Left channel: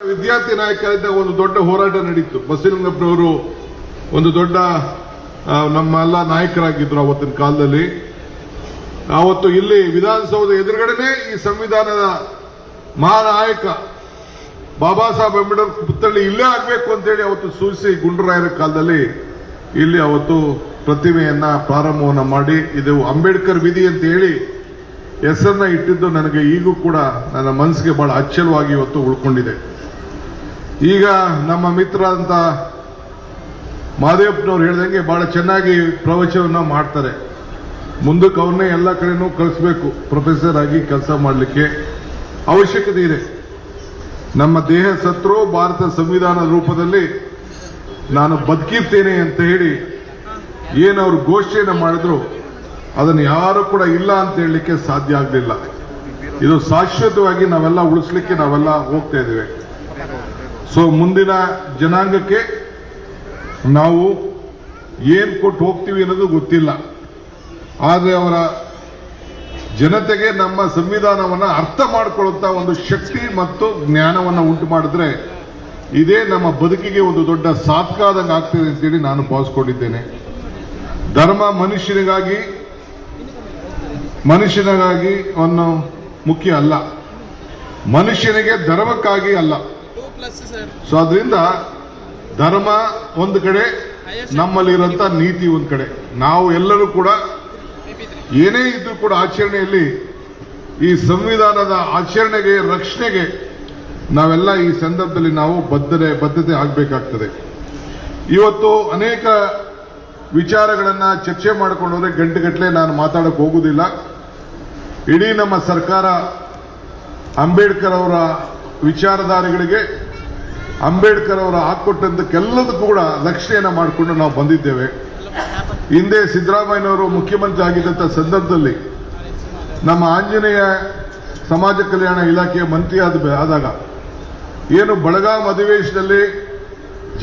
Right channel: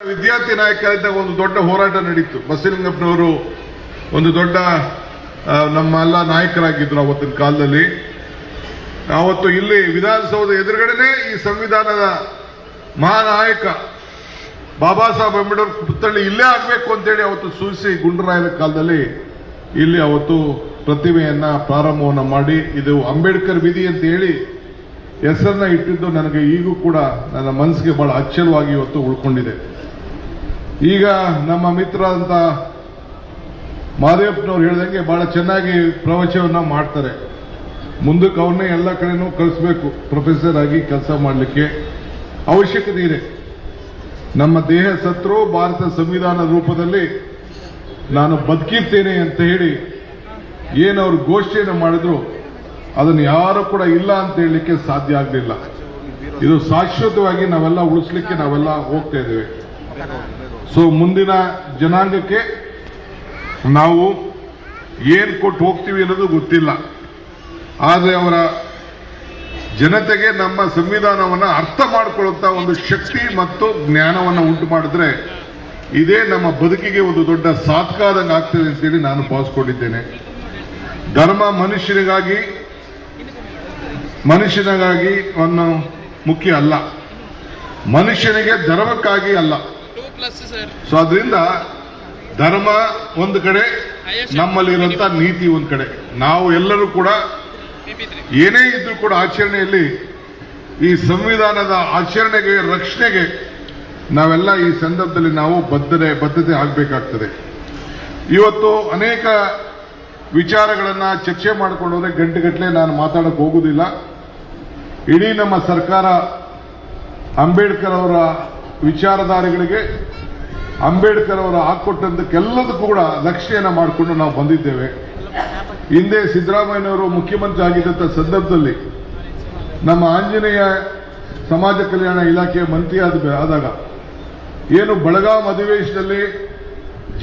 ವಿದ್ಯಾರ್ಥಿ ನಾಯಕರಿಂದ ಒಂದು ದೊಡ್ಡ ಹೋರಾಟ ನಡೀತು. ಬಸವಲಿಂಗಪ್ಪನವರು ಒಂದು ದೊಡ್ಡ ನಮ್ಮೆಲ್ಲ ನಾಯಕರಾಗಿದ್ರು ಅವತ್ತಿನ ಕಾಲದಲ್ಲಿ. ಅವತ್ತು ಇಲ್ಲಿ ವಿಧಾನಸೌಧ ಎದುರುಗಡೆನೆ ಈ ಸಂವಿಧಾನದ ಮಹಾನಾಯಕ ಬಾಬಾ ಸಾಹೇಬ್ ಅಂಬೇಡ್ಕರ್ ಪುತ್ಥಳಿ ಇಲ್ಲೇ ಆಗಬೇಕು ಅಂತೇಳಿ ಅವತ್ತು ಸೂಚಿಸಿ ಗುಂಡರಾಯರ ಕಾಲದಲ್ಲಿ ಇಲ್ಲಿ ಅವತ್ತು ಪ್ರತಿಮೆಯನ್ನ ಪ್ರಾರಂಭವನ್ನ ಮಾಡಿ ಇದು ಅಂಬೇಡ್ಕರ್ ವಿಧಿ ಅಂತ ಹೇಳಿ ಹೆಸರನ್ನ ಇಟ್ಟಿದ್ದು ನನಗೆ ಈಗೂ ಕೂಡ ನನ್ನ ಮನಸ್ಸಿಗೆ ಬಹಳ ಅಚ್ಚರವಾಗಿ ಇವತ್ತು ಉಳ್ಕೊಂಡಿದೆ. ಈಗ ನಮ್ಮ ಮಿತ್ರರಂತ ಮಾದೇವಪ್ಪನವ್ರು ಹೇಳಿದಂಗೆ ಬಹಳ ಚೆನ್ನಾಗಿ ಪ್ರವಚನವನ್ನ ಮಾಡ್ತಾರೆ. ಮುಂದಕ್ಕೆ ಅವ್ರನ್ನೇ ಎಲ್ಲ ಕಡೆನೂ ಕಳಿಸ್ಬೇಕು, ಪ್ರೊಫೆಸರ್ ಆಗಿ ಕೆಲಸ ಮಾಡಲಿಕ್ಕೆ ಅವಶ್ಯಕತೆ ಇದೆ. ನಮ್ಮ ದೇಹ ಸತ್ರು ಭಾರತ ಸಂವಿಧಾನದ ರೂಪದಲ್ಲಿ ನಾನು ಬದುಕಿರ್ತೇನೆ ಅಂತ ಹೇಳಿ ಏನವ್ರು ಘೋಷಣೆಯನ್ನು ಮಾಡಿದ್ರು ಅದನ್ನು ಯಾರು ಕೂಡ ಇಲ್ಲ ಅಂತ ಹೇಳಲಿಕ್ಕೆ ಸಾಧ್ಯ ಆಗಲಿಲ್ಲ. ಇದು ಶಾಶ್ವತವಾಗಿ ನಾವೆಲ್ಲ ಉಳಿಸ್ಲಿಕ್ಕೆ ನಾವೆಲ್ಲ ಹೋಗ್ತಾ ಇದ್ದೇವೆ. ಸೊ ಮುಂದಿನ ಜನಾಂಗಕ್ಕೆ ನಾವು ಏನ್ ಕೊಟ್ಟು ಹೋಗ್ತೀವಿ ಅನ್ನೋದು ಗೊತ್ತಿಲ್ಲ. ಆದರೆ ಅವರ ಜನತೆಗೆ ನಮ್ಮ ಸಂವಿಧಾನವನ್ನು ಅರ್ಥ ಮಾಡಿಕೊಳ್ಳುವಂತ ಒಂದು ಶಕ್ತಿ ಮತ್ತು ಜ್ಞಾನವನ್ನು ಉಂಟು ಮಾಡಿದ್ರೆ ಇದೇ ನಮ್ಮ ಬದುಕಿಗೆ ಒಂದು ದೊಡ್ಡ ಸಾಧಕ ಆದಂಗೆ ಆಗ್ತದೆ ಅಂತೇಳಿ ನಾನು ಭಾವಿಸ್ಕೊಂಡಿದ್ದೇನೆ. ಧರ್ಮ ಮನುಷ್ಯನಿಗಾಗಿ ಒಂದು ಮುಖ್ಯ ಅಲ್ಲ, ಮನುಷ್ಯನಿಗೆ ಧರ್ಮಕ್ಕಾಗಿ ಅಲ್ಲ. ಸೊ ಅದರಿಂದ ಧರ್ಮ ಒಂದು ಕಡೆ, ನಮ್ಮಲ್ಲಿರುವಂತ ನೀತಿ ಒಂದು ಕಡೆ. ನಾವು ಎಲ್ಲರೂ ಕೂಡ ಏನೇ ಇದ್ರೂ ಕೂಡ ಆಚರಣೆಯಲ್ಲಿ ಈ ಸಂವಿಧಾನದ ಆಚರಣೆಗೆ ರಕ್ಷಣೆಗೆ ನಾವೆಲ್ಲ ಈ ಸಂದರ್ಭದಲ್ಲಿ ನಾವು ಬದ್ಧತೆ ಆಗಬೇಕಾಗ್ತದೆ. ಇವತ್ತು ಅನೇಕ ವಿಚಾರಗಳನ್ನ ಚರ್ಚೆ ಮಾಡಿಕೊಂಡ್ರೆ ಗಂಟೆಗಟ್ಟಲೆ ನಾನು ಮಾತಾಡಕ್ಕೆ ಹೋಗುವುದಿಲ್ಲ. ಇಡೀ ನಮ್ಮ ಸರ್ಕಾರ ಅಂಬೇಡ್ಕರ್ ಅವರ ವಿಚಾರಧಾರೆಗಳಿಗೆ, ಅಂಬೇಡ್ಕರ್ ಅವರ ಹಾಕೊಟ್ಟಂತಕ್ಕೆಲ್ಲದಕ್ಕೂ ಕೂಡ ರಕ್ಷಣೆಯನ್ನು ಮಾಡಿಕೊಂಡು ನಾವು ಬಂದಿದ್ದೇವೆ. ಹಿಂದೆ ಸಿದ್ದರಾಮಯ್ಯನವರು ಮುಖ್ಯಮಂತ್ರಿ ಆಗಿದ್ದಂಥ ಸಂದರ್ಭದಲ್ಲಿ ನಮ್ಮ ಆಂಜನೇಯ ಸಮಾಜ ಕಲ್ಯಾಣ ಇಲಾಖೆಯ ಮಂತ್ರಿ ಆದಾಗ ಏನು ಬೆಳಗಾಂ ಅಧಿವೇಶನದಲ್ಲಿ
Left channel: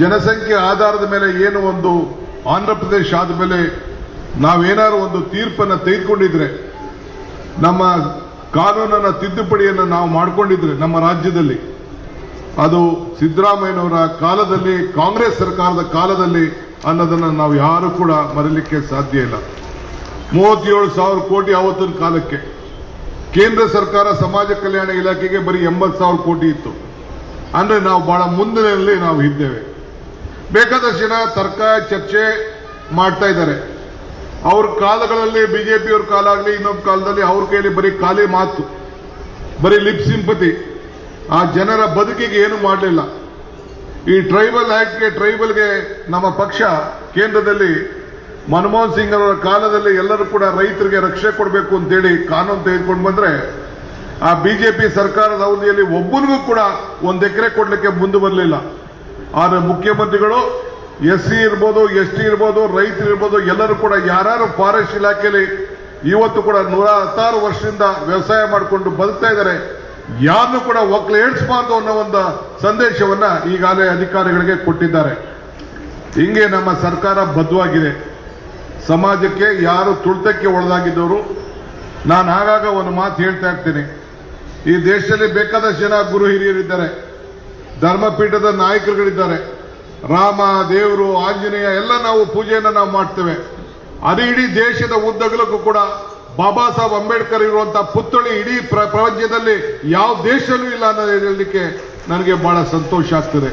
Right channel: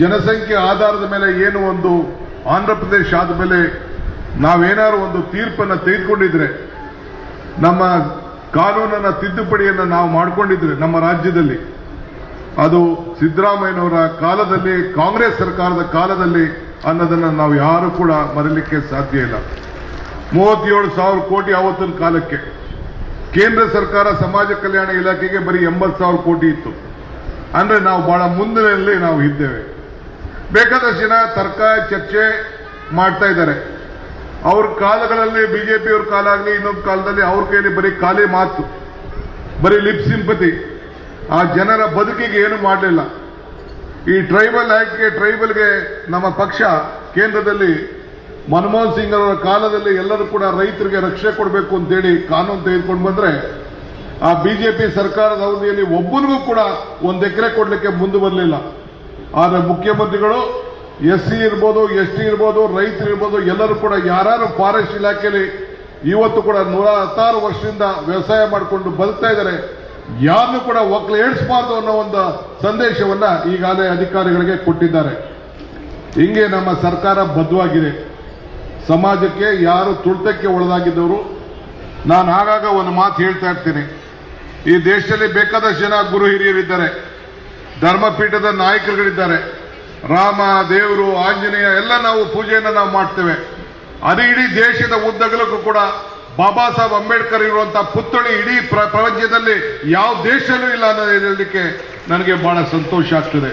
ಜನಸಂಖ್ಯೆ ಆಧಾರದ ಮೇಲೆ ಏನು ಒಂದು ಆಂಧ್ರ ಪ್ರದೇಶ ಆದ ಮೇಲೆ ನಾವೇನಾದ್ರು ಒಂದು ತೀರ್ಪನ್ನು ತೆಗೆದುಕೊಂಡಿದ್ರೆ, ನಮ್ಮ ಕಾನೂನನ್ನ ತಿದ್ದುಪಡಿಯನ್ನು ನಾವು ಮಾಡಿಕೊಂಡಿದ್ರೆ ನಮ್ಮ ರಾಜ್ಯದಲ್ಲಿ, ಅದು ಸಿದ್ದರಾಮಯ್ಯನವರ ಕಾಲದಲ್ಲಿ, ಕಾಂಗ್ರೆಸ್ ಸರ್ಕಾರದ ಕಾಲದಲ್ಲಿ ಅನ್ನೋದನ್ನು ನಾವು ಯಾರು ಕೂಡ ಮರೀಲಿಕ್ಕೆ ಸಾಧ್ಯ ಇಲ್ಲ. 37,000 ಕೋಟಿ ಆವತ್ತಿನ ಕಾಲಕ್ಕೆ ಕೇಂದ್ರ ಸರ್ಕಾರ ಸಮಾಜ ಕಲ್ಯಾಣ ಇಲಾಖೆಗೆ ಬರೀ 80,000 ಕೋಟಿ ಇತ್ತು. ಅಂದ್ರೆ ನಾವು ಬಹಳ ಮುಂದಿನಲ್ಲಿ ನಾವು ಇದ್ದೇವೆ. ಬೇಕಾದಷ್ಟು ಜನ ತರ್ಕ ಚರ್ಚೆ ಮಾಡ್ತಾ ಇದ್ದಾರೆ. ಅವ್ರ ಕಾಲಗಳಲ್ಲಿ ಬಿಜೆಪಿಯವ್ರ ಕಾಲ ಆಗಲಿ ಇನ್ನೊಂದು ಕಾಲದಲ್ಲಿ ಅವ್ರ ಕೈಯಲ್ಲಿ ಬರೀ ಖಾಲಿ ಮಾತು, ಬರೀ ಲಿಪ್ ಸಿಂಪತಿ, ಆ ಜನರ ಬದುಕಿಗೆ ಏನು ಮಾಡಲಿಲ್ಲ. ಈ ಟ್ರೈಬಲ್ ಆಕ್ಟ್ಗೆ, ಟ್ರೈಬಲ್ಗೆ ನಮ್ಮ ಪಕ್ಷ ಕೇಂದ್ರದಲ್ಲಿ ಮನಮೋಹನ್ ಸಿಂಗ್ ಅವರ ಕಾಲದಲ್ಲಿ ಎಲ್ಲರೂ ಕೂಡ ರೈತರಿಗೆ ರಕ್ಷಣೆ ಕೊಡಬೇಕು ಅಂತೇಳಿ ಕಾನೂನು ತೆಗೆದುಕೊಂಡು ಬಂದ್ರೆ, ಆ ಬಿಜೆಪಿ ಸರ್ಕಾರದ ಅವಧಿಯಲ್ಲಿ ಒಬ್ಬನಿಗೂ ಕೂಡ 1 ಎಕರೆ ಕೊಡ್ಲಿಕ್ಕೆ ಮುಂದೆ ಬರಲಿಲ್ಲ. ಆದರೆ ಮುಖ್ಯಮಂತ್ರಿಗಳು SC ಇರ್ಬೋದು, ST ಇರ್ಬೋದು, ರೈತರು ಇರ್ಬೋದು, ಎಲ್ಲರೂ ಕೂಡ ಯಾರು ಫಾರೆಸ್ಟ್ ಇಲಾಖೆಯಲ್ಲಿ ಇವತ್ತು ಕೂಡ 116 ವರ್ಷದಿಂದ ವ್ಯವಸಾಯ ಮಾಡಿಕೊಂಡು ಬದುಕ್ತಾ ಇದ್ದಾರೆ, ಯಾರನ್ನು ಕೂಡ ಒಕ್ಕಲು ಏಳಿಸಬಾರ್ದು ಅನ್ನೋ ಒಂದು ಸಂದೇಶವನ್ನ ಈಗಾಗಲೇ ಅಧಿಕಾರಿಗಳಿಗೆ ಕೊಟ್ಟಿದ್ದಾರೆ. ಹಿಂಗೆ ನಮ್ಮ ಸರ್ಕಾರ ಬದ್ಧವಾಗಿದೆ. ಸಮಾಜಕ್ಕೆ ಯಾರು ತುಳಿತಕ್ಕೆ ಒಳಗಾಗಿದ್ದವರು, ನಾನು ಆಗಾಗ ಒಂದು ಮಾತು ಹೇಳ್ತಾ ಇರ್ತೇನೆ, ಈ ದೇಶದಲ್ಲಿ ಬೇಕಾದಷ್ಟು ಜನ ಗುರು ಹಿರಿಯರಿದ್ದಾರೆ, ಧರ್ಮಪೀಠದ ನಾಯಕರುಗಳಿದ್ದಾರೆ, ರಾಮ, ದೇವರು, ಆಂಜನೇಯ ಎಲ್ಲ ನಾವು ಪೂಜೆಯನ್ನು ನಾವು ಮಾಡ್ತೇವೆ. ಅದು ಇಡೀ ದೇಶದ ಉದ್ದಗಲಕ್ಕೂ ಕೂಡ ಬಾಬಾ ಸಾಹೇಬ್ ಅಂಬೇಡ್ಕರ್ ಇರುವಂತಹ ಪುತ್ಥಳಿ ಇಡೀ ಪ್ರಪಂಚದಲ್ಲಿ ಯಾವ ದೇಶದಲ್ಲೂ ಇಲ್ಲ ಅನ್ನೋದು ಹೇಳಲಿಕ್ಕೆ ನನಗೆ ಬಹಳ ಸಂತೋಷ ಆಗ್ತದೆ.